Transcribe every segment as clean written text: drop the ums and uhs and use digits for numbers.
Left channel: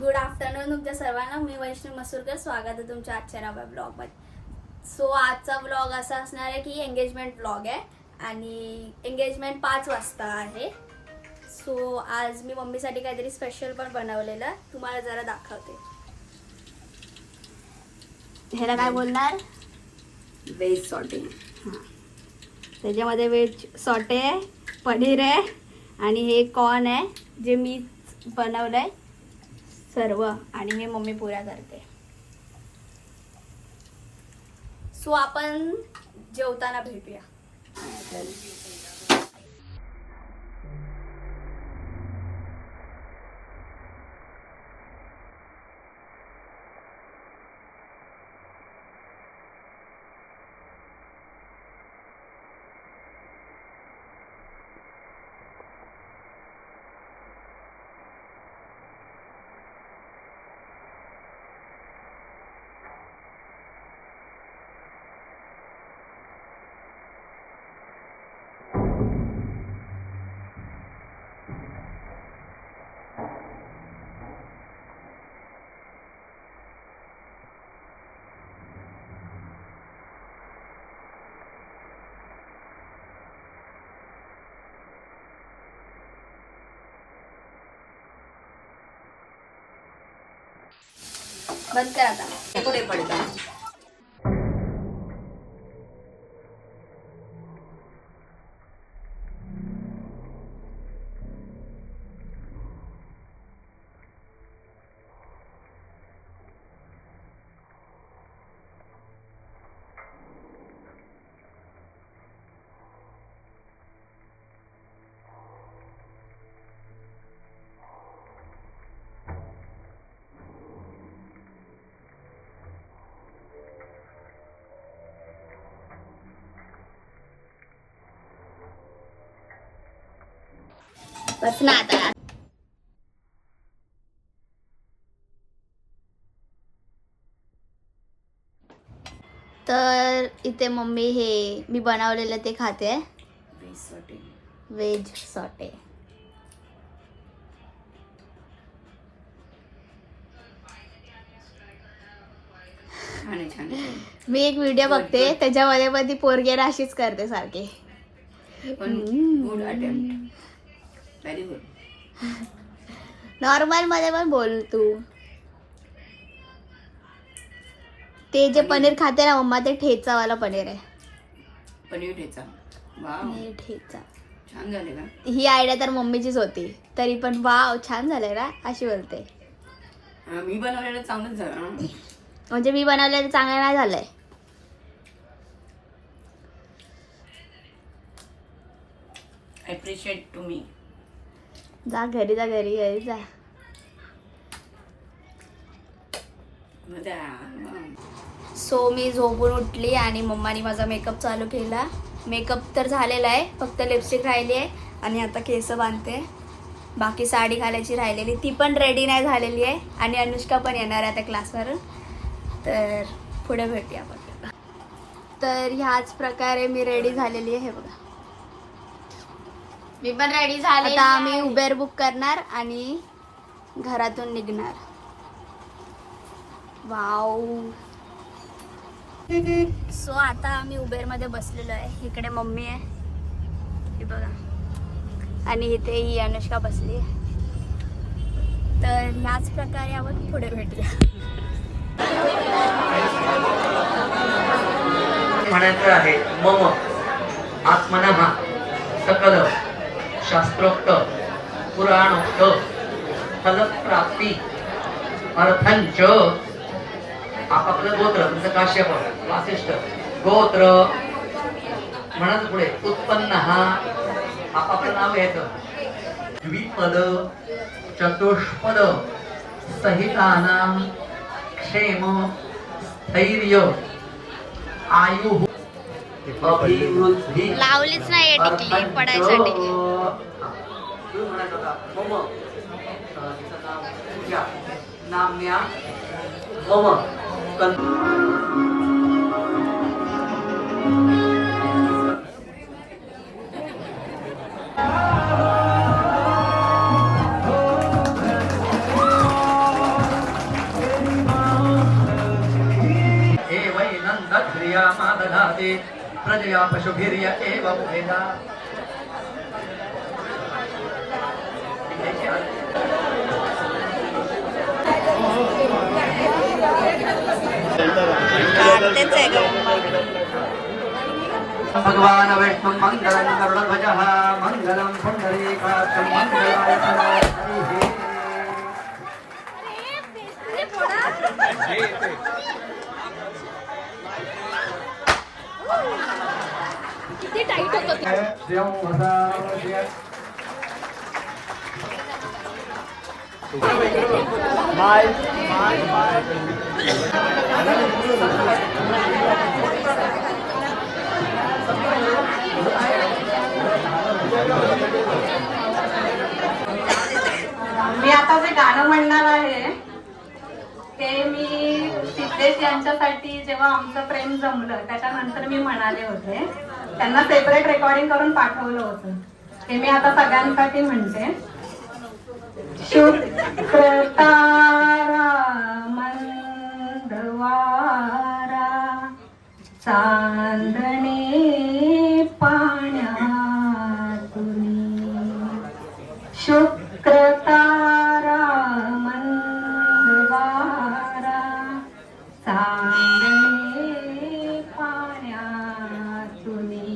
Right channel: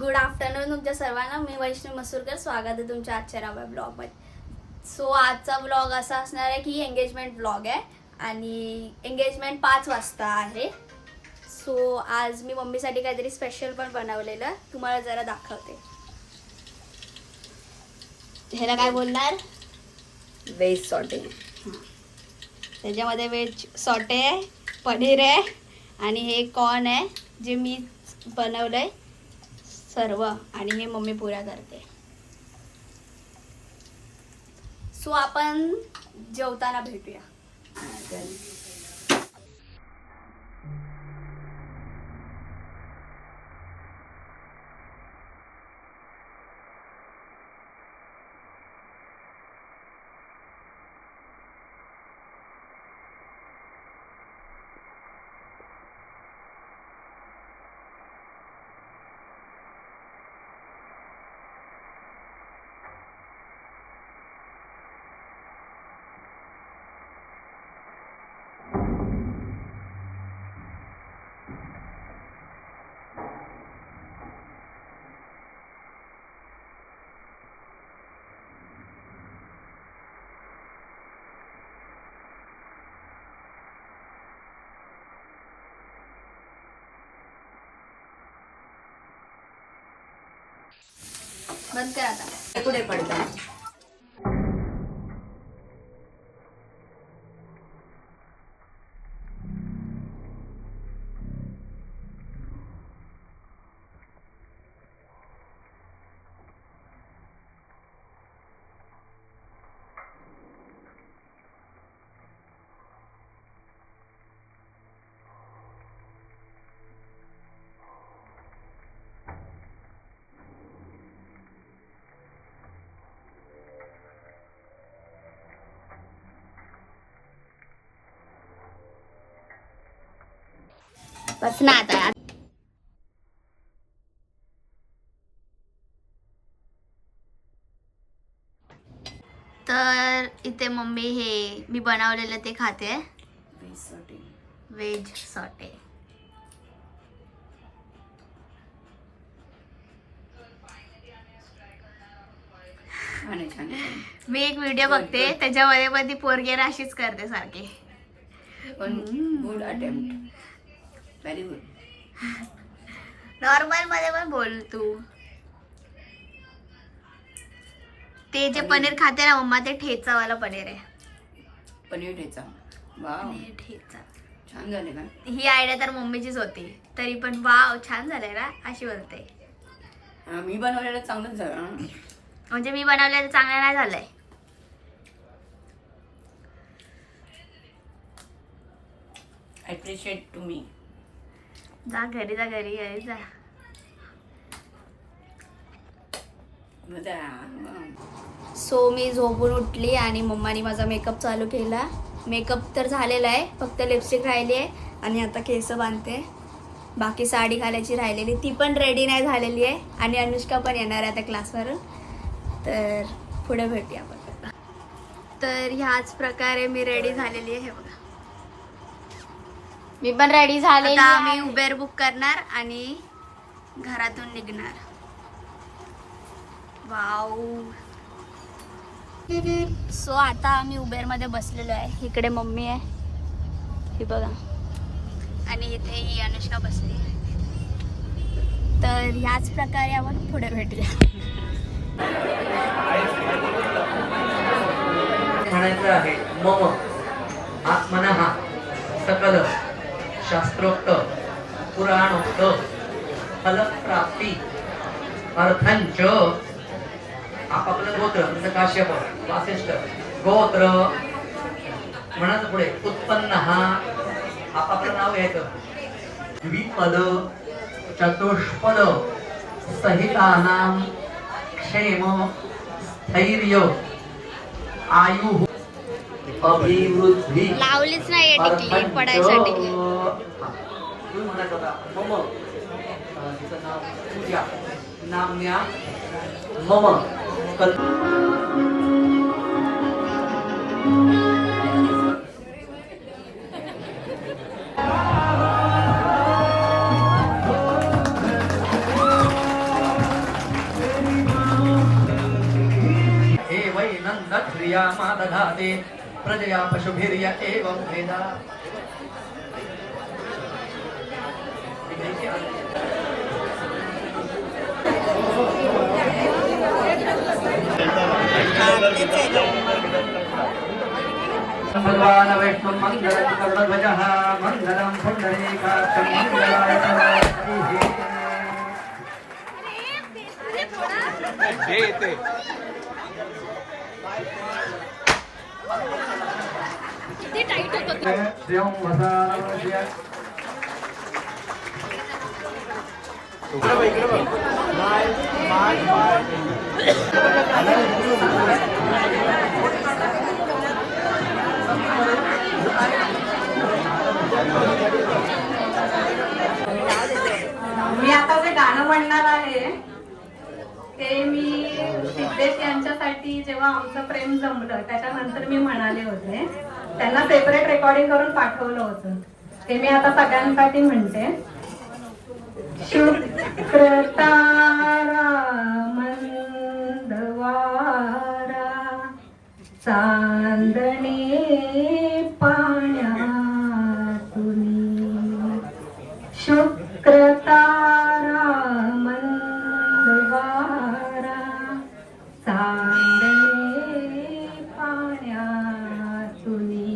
Good afternoon तुमच्या सर्वांना. मी वैष्णवी मसूरकर. स्वागत आहे तुमच्या आजच्या नव्या ब्लॉगमध्ये. सो आजचा ब्लॉग असा असणार आहे की एंगेजमेंट ब्लॉग आहे आणि एंगेजमेंट 5 वाजता आहे. सो आज मी मम्मीसाठी काहीतरी स्पेशल पण बनवलेलं तुम्हाला जरा दाखवते. ह्याला काय बोलणार? Veg sauté. त्याच्यामध्ये व्हेज सॉटे आहे, पनीर आहे आणि हे कॉर्न आहे जे मी बनवलंय सर्व आणि हे मम्मी पुऱ्या करते. सो आपण जेवताना भेटूया. बंद कर आता. पुढे पडतात. बस ना आता. तर इथे मम्मी हे मी बनवलेलं ते खाते. Veg sauté. Veg sauté. छान आहे, छान आहे. मी एक व्हिडिओ बघते त्याच्यामध्ये पण ती पोरगी अशीच करते सारखी. पण good attempt. Very good. Normal मध्ये पण बोल तू. ते जे पनीर खाते ना मम्मा ते ठेचावाला पनीर आहे. पनीर ठेचा. वाव, पनीर ठेचा. छान झाले का? ही आयडिया तर मम्मीचीच होती तरी पण वाव छान झाले ना अशी बोलते. मी बनवलेलं चांगलंच झालं. म्हणजे मी बनवलेलं चांगलं नाही झालंय. Appreciate to me. जा घरी जा, घरी घरी जा. सो मी झोपून उठली आणि मम्मानी माझा मेकअप चालू केला. मेकअप तर झालेला आहे, फक्त लिपस्टिक राहिली आहे आणि आता केस बांधते. बाकी साडी घालायची राहिलेली ती पण रेडी नाही झालेली आहे आणि अनुष्का पण येणार आहे आता क्लासवरून. तर पुढे भेटूया आपण. तर ह्याच प्रकारे मी रेडी झालेली आहे. हे बघा मी पण रेडी झाले. आता आम्ही उबेर बुक करणार आणि घरातून निघणार. वाव. सो आता आम्ही उबेर मध्ये बसलेलो आहे. इकडे मम्मी आहे ही बघा आणि इथे ही अनुष्का बसली आहे. तर ह्याच प्रकारे आपण पुढे भेटूया. म्हणायचं आहे मम आत्मनः सकल शास्त्रोक्त पुराणोक्त फलप्राप्ती अर्थंच. आपापलं गोत्र तुमचं काश्यप वासिष्ठ गोत्र म्हणायचं पुढे उत्पन्न आपापलं नाव घ्यायचं. द्विपद चतुष्पद सहितानां क्षेम स्थैर्य आयु अभिवृद्धी. लावलीच नाही टिकली पडायसाठी. पूजा नाम्या मम इंद्रिया मादधाते प्रजया पशुभिर्य एवं वेदा काढतेच आहे ग भगवान वैष्णव मंगलम करुणध्वजः मंगलम पुंडरीकाक्षं मंगलाय तनोहरिः श्रियं वसावस्य मी आता जे गाणं म्हणणार आहे ते मी सिद्धेश यांच्यासाठी जेव्हा आमचं प्रेम जमलं त्याच्यानंतर मी म्हणाले होते. त्यांना सेपरेट रेकॉर्डिंग करून पाठवलं होतं. ते मी आता सगळ्यांसाठी म्हणते. शुक्रतारा मंदवारा चांदणे पाण्यातुनी शुक्रतारा मंदवारा चांदणे पाण्यातुनी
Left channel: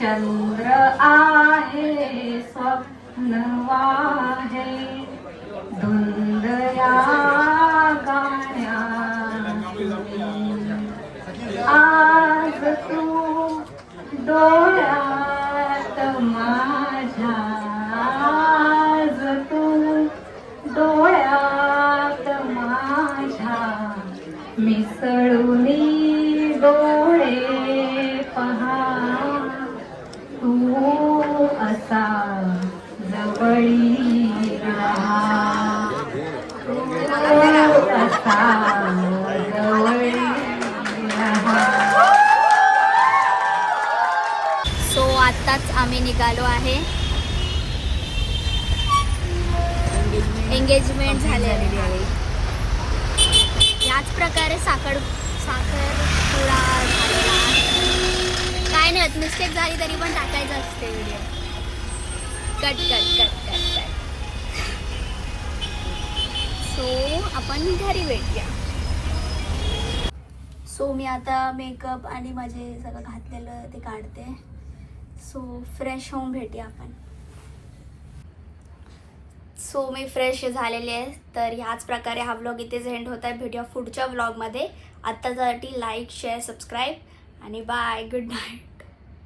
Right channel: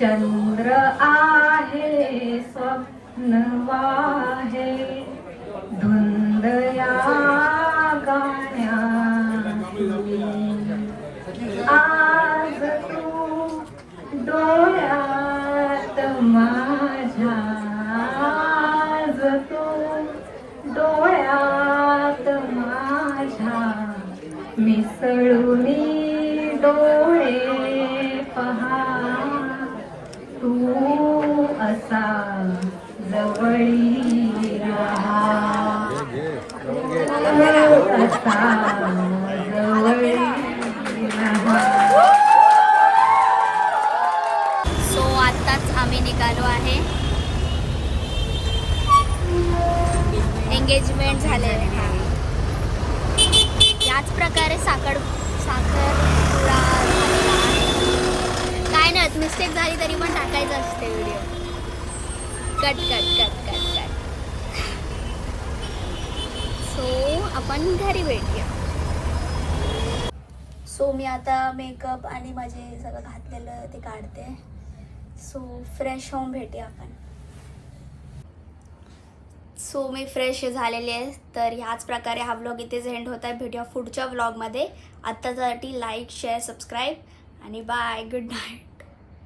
चंद्र आहे स्वप्नवाहे धुंदया गाण्यातुनी आज तू डोळ्यात माझ्या आज तू डोळ्यात माझ्या मिसळूनी डोळे पहा तू असा जवळी राहा तू असा जवळी राहा. सो आत्ताच आम्ही निघालो आहे. एंगेजमेंट झालेली आहे. याच प्रकारे साखरपुडा झालेला आहे. काय नाही, मिस्टेक झाली तरी पण टाकायचं असते video. Cut cut cut cut cut. So आपण घरी भेटूया. सो मी आता मेकअप आणि माझे सगळं घातलेलं ते काढते. सो फ्रेश होऊन भेटूया आपण. सो मी फ्रेश झालेली आहे. तर ह्याच प्रकारे हा व्लॉग इथेच एंड होत आहे. भेटूया पुढच्या व्लॉगमध्ये. आत्तासाठी लाईक शेअर सबस्क्राईब आणि बाय. Good night.